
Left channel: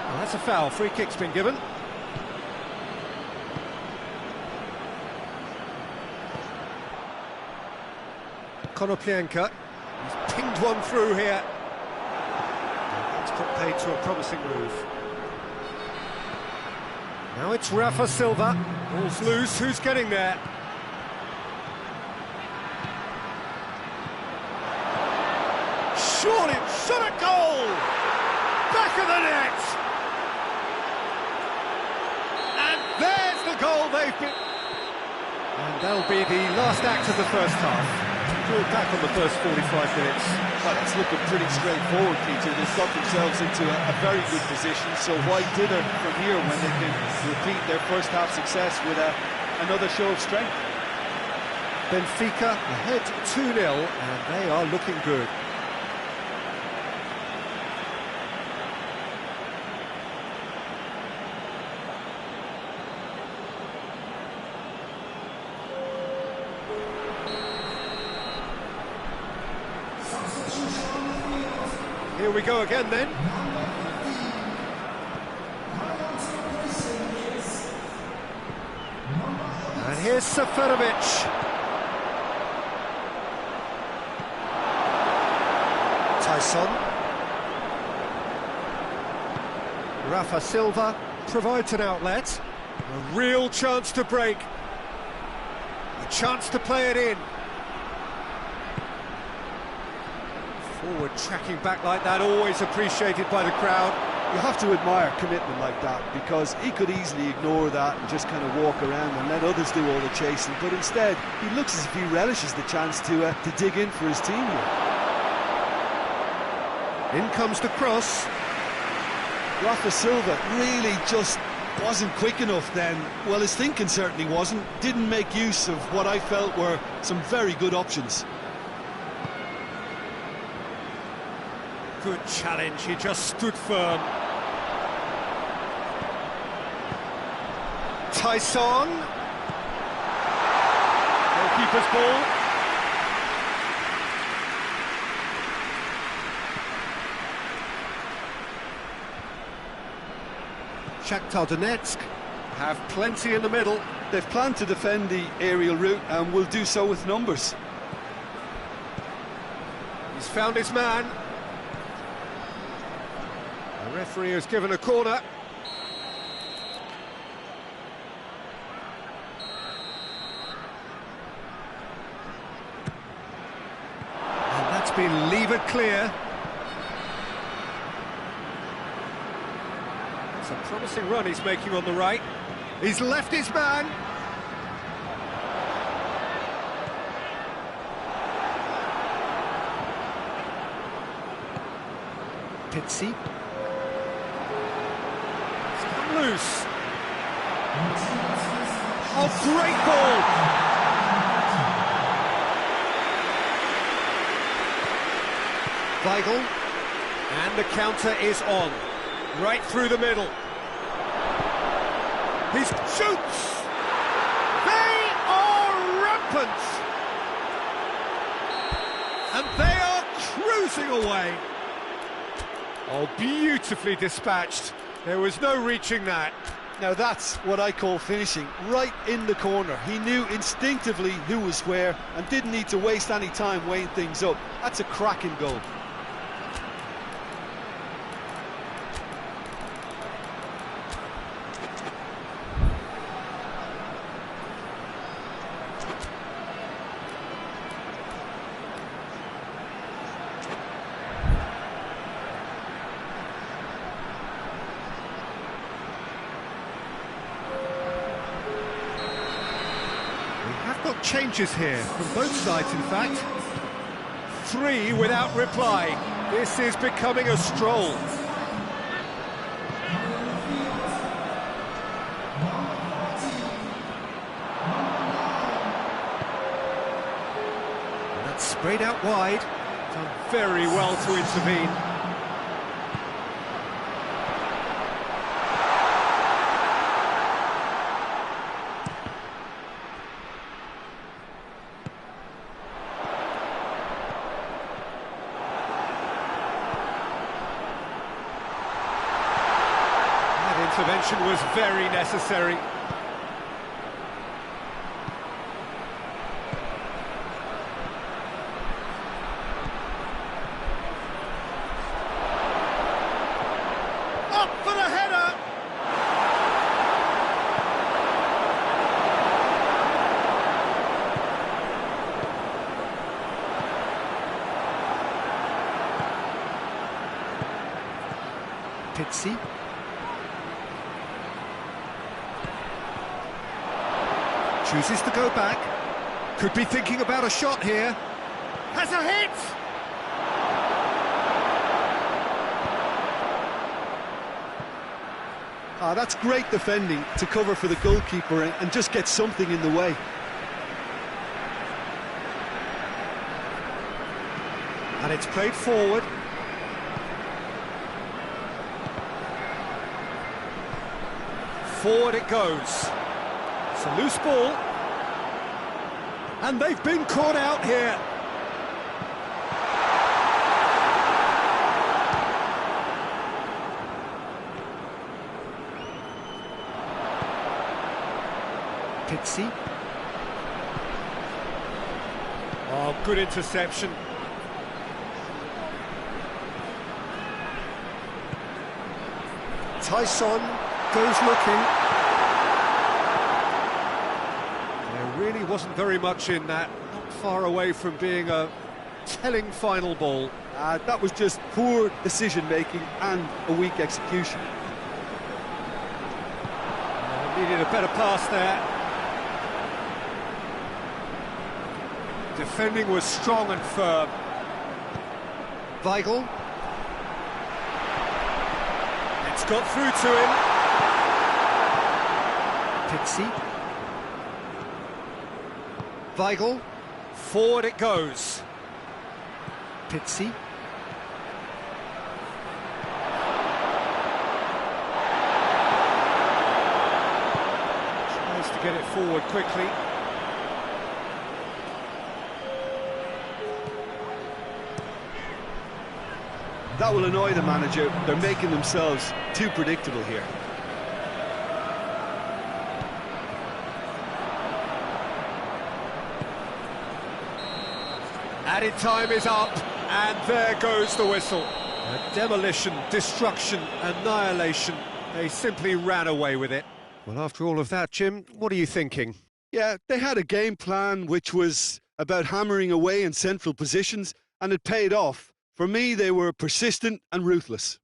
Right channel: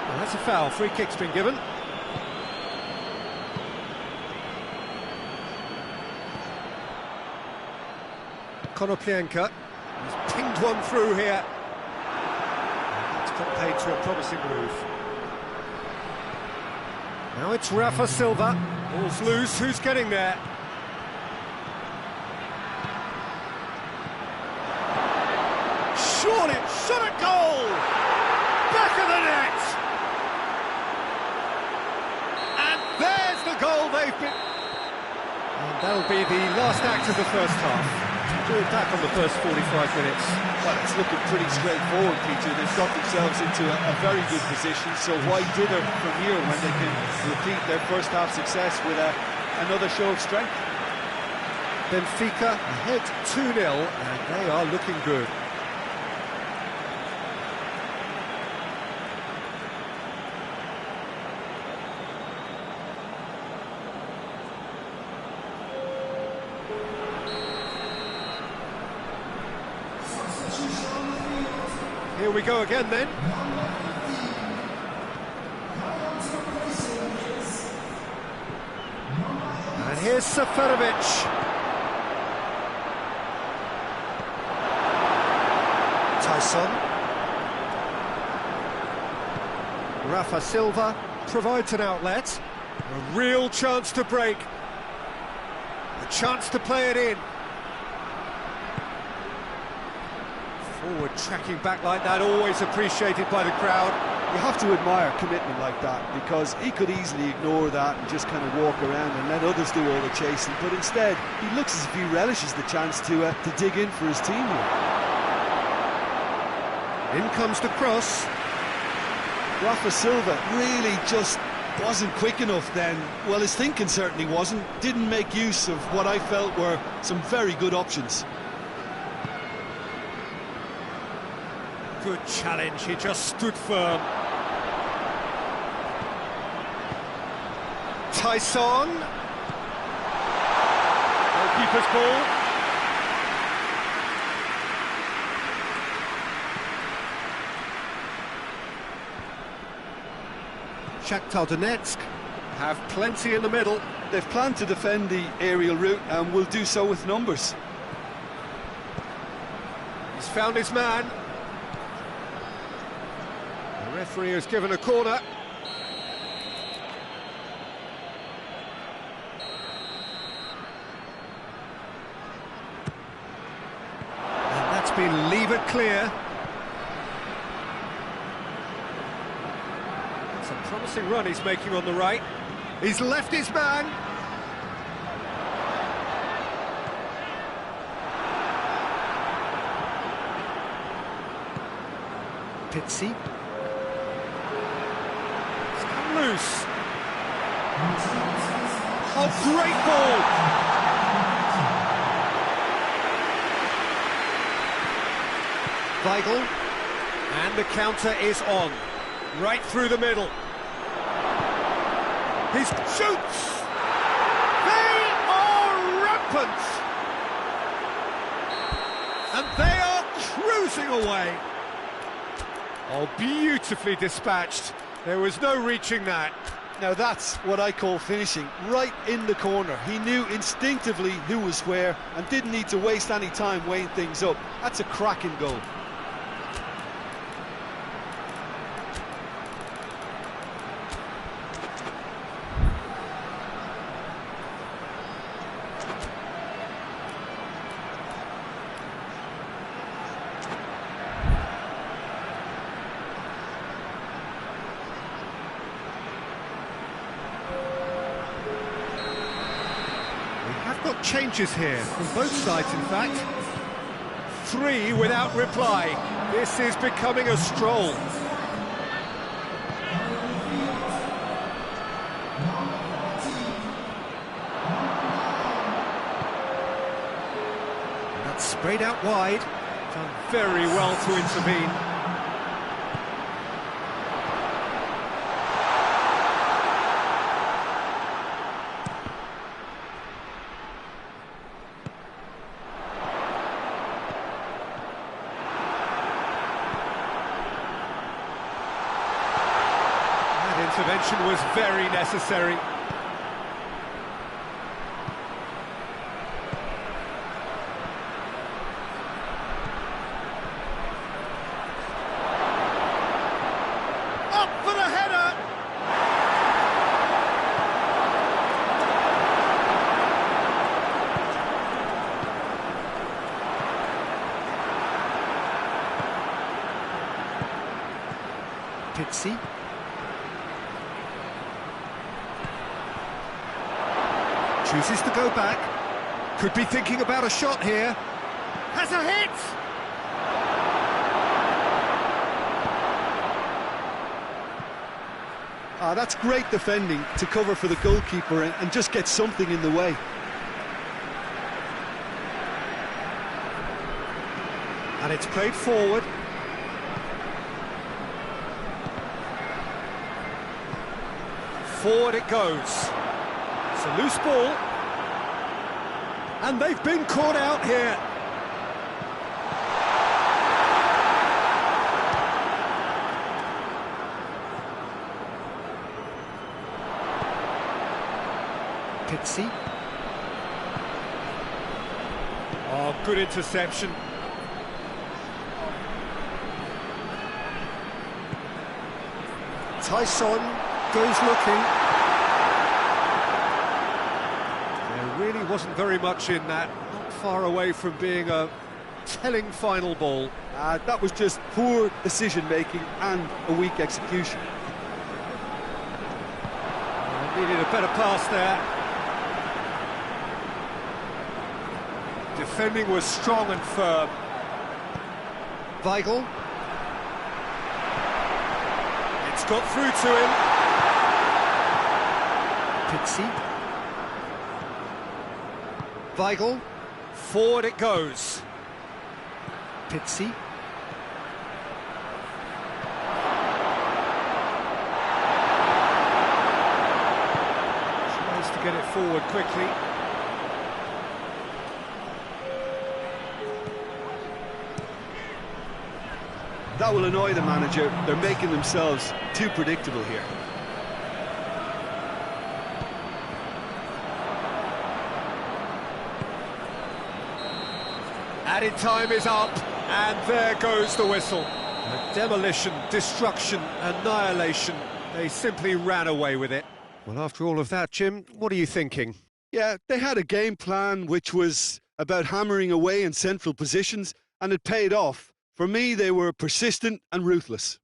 Well, that's a foul. Free kick's been given. Konoplyanka. He's pinged one through here. And that's put paid to a promising move. Now it's Rafa Silva. Ball's loose. Who's getting there? Surely shot at goal! Back of the net! And there's the goal they've been... And that'll be the last act of the first half. We'll do it back on the first 45 minutes. Well, it's looking pretty straightforward, Peter. They've got themselves into a very good position, so why dither from here when they can repeat their first half success with another show of strength? Benfica ahead 2-0, and they are looking good. Here we go again then. And here's Seferovic. Tyson. Rafa Silva provides an outlet. A real chance to break. A chance to play it in. Forward tracking back like that, always appreciated by the crowd. You have to admire commitment like that, because he could easily ignore that and just kind of walk around and let others do all the chasing, but instead he looks as if he relishes the chance to dig in for his team here. In comes the cross. Rafa Silva really just wasn't quick enough then. Well, his thinking certainly wasn't. Didn't make use of what I felt were some very good options. Good challenge, he just stood firm. Tyson. Goalkeeper's ball. Shakhtar Donetsk have plenty in the middle. They've planned to defend the aerial route and will do so with numbers. He's found his man. The referee has given a corner. And that's been levered clear. It's a promising run he's making on the right. He's left his man. Pizzi. Loose. Oh, great ball! Weigl, and the counter is on, right through the middle. He shoots! They are rampant! And they are cruising away. Oh, beautifully dispatched. There was no reaching that. Now that's what I call finishing, right in the corner. He knew instinctively who was where and didn't need to waste any time weighing things up. That's a cracking goal. We have got changes here, from both sides in fact. 3 without reply. This is becoming a stroll. And that's sprayed out wide. Done very well to intervene. Intervention was very necessary. Up for the header! Pizzi. Chooses to go back. Could be thinking about a shot here. Has a hit! That's great defending to cover for the goalkeeper and just get something in the way. And it's played forward. Forward it goes. It's a loose ball. And they've been caught out here. Pizzi. Oh, good interception. Tyson goes looking. There really wasn't very much in that, not far away from being a telling final ball. That was just poor decision-making and a weak execution. Needed a better pass there. Defending was strong and firm. Weigl. It's got through to him. Pizzi. Weigl. Forward it goes. Pizzi. Tries to get it forward quickly. That will annoy the manager. They're making themselves too predictable here. Added time is up, and there goes the whistle. Demolition, destruction, annihilation. They simply ran away with it. Well, after all of that, Jim, what are you thinking? Yeah, they had a game plan which was about hammering away in central positions, and it paid off. For me, they were persistent and ruthless.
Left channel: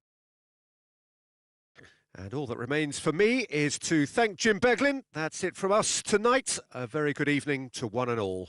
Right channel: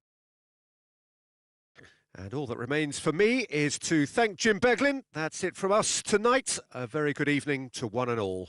And all that remains for me is to thank Jim Beglin. That's it from us tonight. A very good evening to one and all.